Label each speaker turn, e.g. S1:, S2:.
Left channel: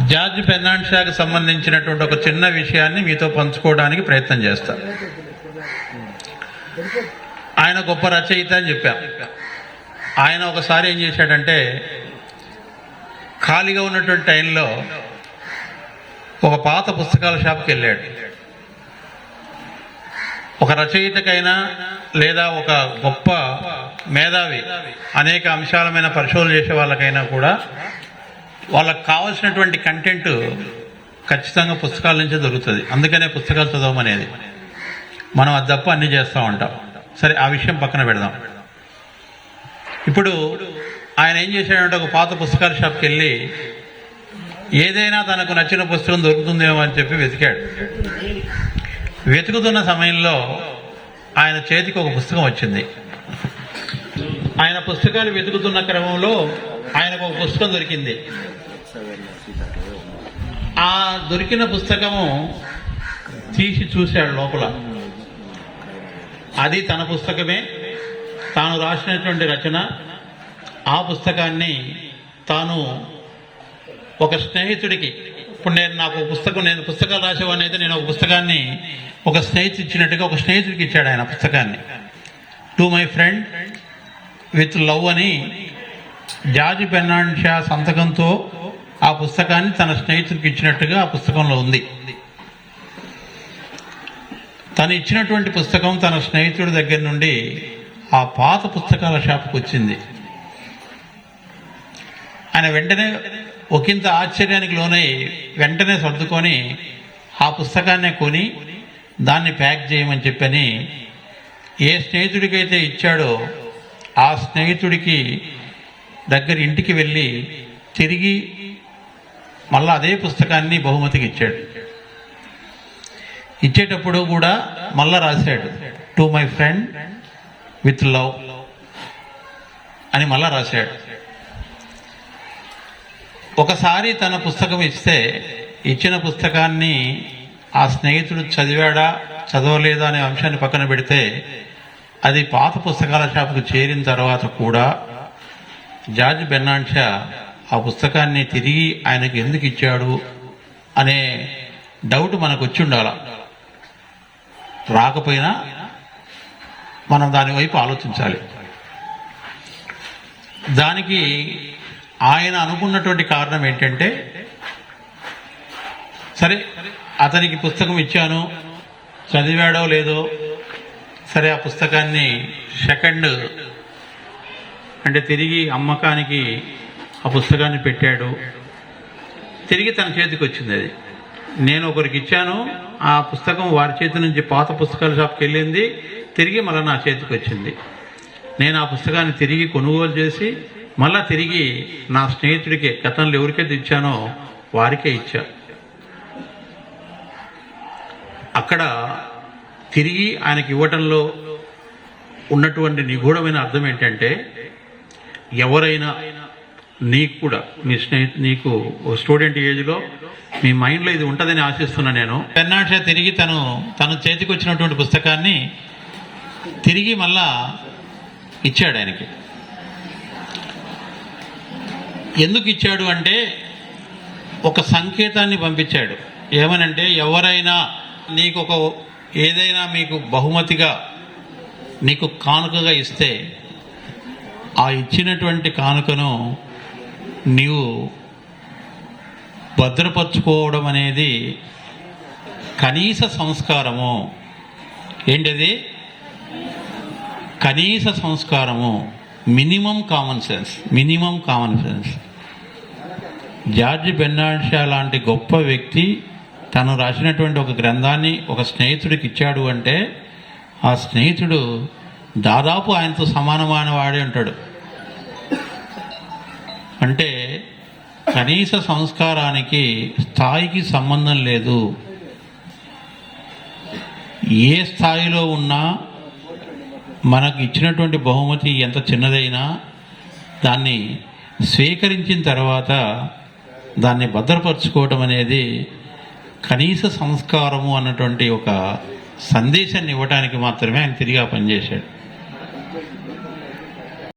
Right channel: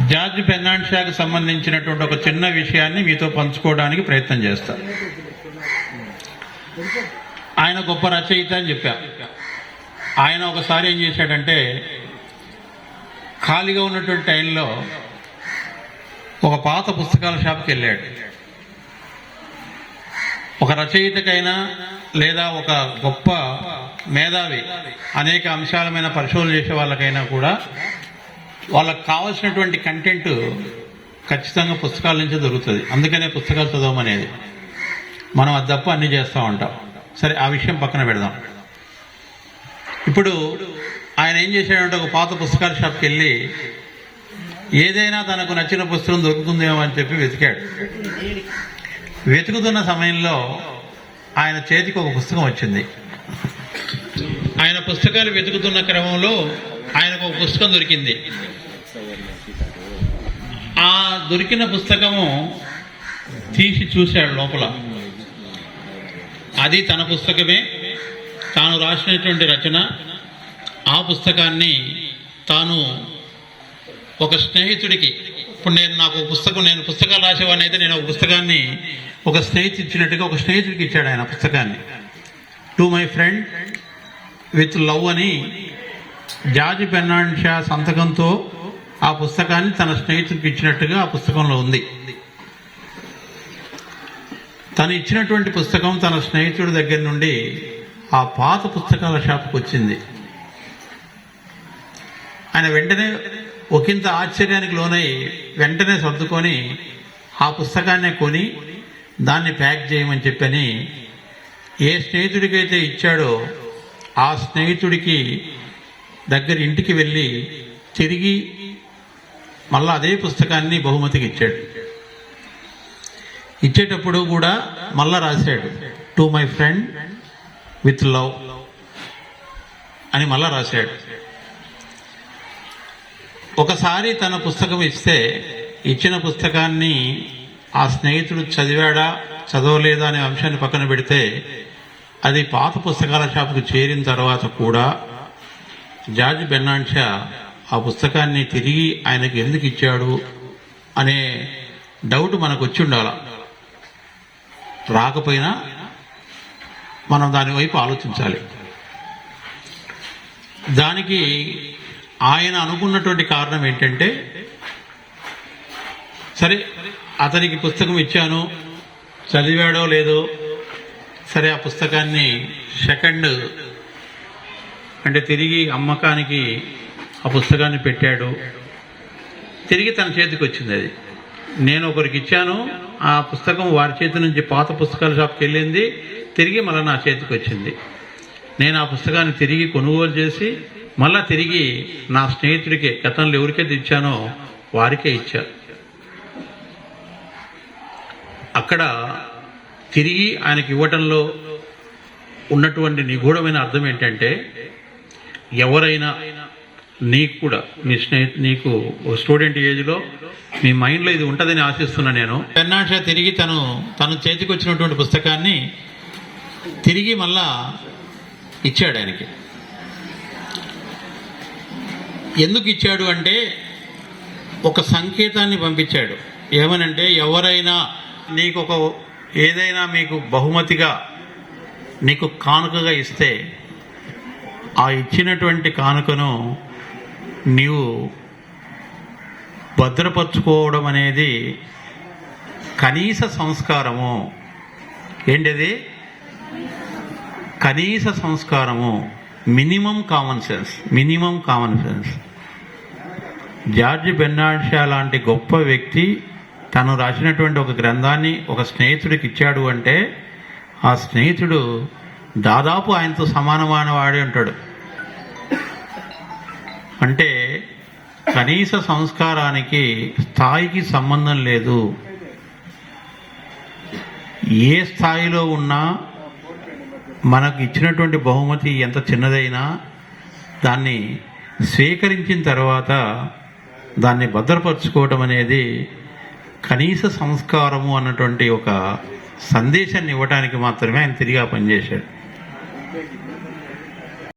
S1: George ఫెర్నాండ్షాకి సంబంధించినటువంటి ఒక చిన్న విషయాన్ని మీతో పంచుకోవడానికి ప్రయత్నం చేస్తా. ఆయన గొప్ప రచయిత అని చెప్పా. ఆయన ఒకసారి ఏం చేశాడంటే ఖాళీగా ఉన్నటువంటి టైంలో ఒక పాత పుస్తకాల షాప్కి వెళ్ళాడు. ఒక రచయితకైనా లేదా ఒక గొప్ప మేధావి అనేక అంశాలమైన పరిశోధన చేసే వాళ్ళకైనా కూడా వాళ్ళకి కావాల్సినటువంటి కంటెంట్ ఖచ్చితంగా పుస్తకాల నుంచే దొరుకుతుంది. అందుకనే పుస్తకాలు చదవమనేది. మనం అది తప్ప అన్ని చేస్తూ ఉంటాం. సరే ఆ విషయం పక్కన పెడదాం. ఇప్పుడు ఆయన ఏం చేశాడంటే ఒక పాత పుస్తకాల షాప్కి వెళ్ళి ఏదైనా తనకు నచ్చిన పుస్తకం దొరుకుతుందేమో అని చెప్పి వెతికాడు. వెతుకుతున్న సమయంలో ఆయన చేతికి ఒక పుస్తకం వచ్చింది. ఆయన పుస్తకాలు వెతుకుతున్న క్రమంలో ఆయనకు ఒక పుస్తకం దొరికింది. ఆ దొరికిన పుస్తకము తీసి చూశాడు లోపల. అది తన పుస్తకమే. తాను రాసినటువంటి రచన ఆ పుస్తకాన్ని తాను ఒక స్నేహితుడికి ఇప్పుడు నేను నాకు పుస్తకం నేను పుస్తకాలు రాసేవాడిని అయితే నేను ఒక పుస్తకాన్ని ఒక స్నేహితుడు ఇచ్చినట్టుగా ఒక స్నేహితుడికి ఇచ్చాడు ఆయన పుస్తకాన్ని. To my friend with love అని జార్జ్ పెన్నాన్షా సంతకంతో ఆ పుస్తకాన్ని తన స్నేహితుడికి ఇచ్చినట్టుగా ఆ పుస్తకంలో ఉంది. తను ఇచ్చినటువంటి పుస్తకం తన స్నేహితుడి దగ్గర నుండి ఆ పాత పుస్తకాల షాప్కి వచ్చింది. ఆయన వెంటనే ఒకంత ఆశ్చర్యానికి లోనై వెంటనే సర్దుకొని ఆ పుస్తకాన్నే కొని దాన్ని ప్యాక్ చేయమని చెప్పని ఏ స్నేహితుడికైతే ఇచ్చాడో ఆ స్నేహితుడికి దగ్గర ఇంటికి వెళ్ళి తిరిగి మళ్ళా అదే పుస్తకాన్ని బహుమతికి ఇచ్చాడు. ఇచ్చేటప్పుడు కూడా మళ్ళా రాశాడు to my friend with love అని మళ్ళా రాశాడు. ఒకసారి తన పుస్తకం ఇస్తే ఇచ్చిన పుస్తకాన్ని ఆ స్నేహితుడు చదివాడా చదవలేదా అనే అంశాన్ని పక్కన పెడితే అది పాత పుస్తకాల షాపుకు చేరిన తర్వాత కూడా జార్జ్ బెర్నాన్షా ఆ పుస్తకాన్ని తిరిగి ఆయనకు ఎందుకు ఇచ్చాడు అనే డౌట్ మనకు వచ్చి ఉండాల. రాకపోయినా మనం దాని వైపు ఆలోచించాలి. దానికి ఆయన అనుకున్నటువంటి కారణం ఏంటంటే సరే అతనికి పుస్తకం ఇచ్చాను చదివాడో లేదో సరే ఆ పుస్తకాన్ని సెకండ్ అంటే తిరిగి అమ్మకానికి ఆ పుస్తకాన్ని పెట్టాడు. తిరిగి తన చేతికి వచ్చింది అది. నేను ఒకరికి ఇచ్చాను ఆ పుస్తకం వారి చేతి నుంచి పాత పుస్తకాల షాప్కి వెళ్ళింది తిరిగి మళ్ళీ నా చేతికి వచ్చింది. నేను ఆ పుస్తకాన్ని తిరిగి కొనుగోలు చేసి మళ్ళా తిరిగి నా స్నేహితుడికి గతంలో ఎవరికైతే ఇచ్చానో వారికే ఇచ్చా. అక్కడ తిరిగి ఆయనకి ఇవ్వటంలో ఉన్నటువంటి నిగూఢమైన అర్థం ఏంటంటే ఎవరైనా నీకు కూడా మీ స్నేహితు నీకు స్టూడెంట్ ఏజ్లో మీ మైండ్లో ఇది ఉంటుందని ఆశిస్తున్నా నేను. పెన్నాష తిరిగి తను తను చేతికి వచ్చినటువంటి పుస్తకాన్ని తిరిగి మళ్ళా ఇచ్చాడు ఆయనకి. ఎందుకు ఇచ్చాడు అంటే ఒక సంకేతాన్ని పంపించాడు. ఏమనంటే ఎవరైనా నీకు ఒక ఏదైనా మీకు బహుమతిగా నీకు కానుకగా ఇస్తే ఆ ఇచ్చినటువంటి కానుకను నీవు భద్రపరచుకోవడం అనేది కనీస సంస్కారము. ఏంటిది? కనీస సంస్కారము. Minimum common sense. Minimum common sense. George Bernard Shaw లాంటి గొప్ప వ్యక్తి తను రాసినటువంటి ఒక గ్రంథాన్ని ఒక స్నేహితుడికి ఇచ్చాడు అంటే ఆ స్నేహితుడు దాదాపు ఆయనతో సమానమైన వాడే ఉంటాడు. అంటే కనీస సంస్కారానికి స్థాయికి సంబంధం లేదు. ఏ స్థాయిలో ఉన్నా మనకు ఇచ్చినటువంటి బహుమతి ఎంత చిన్నదైనా దాన్ని స్వీకరించిన తర్వాత దాన్ని భద్రపరచుకోవడం అనేది కనీస సంస్కారము అన్నటువంటి ఒక సందేశాన్ని ఇవ్వడానికి మాత్రమే ఆయన తిరిగి ఆ పనిచేశాడు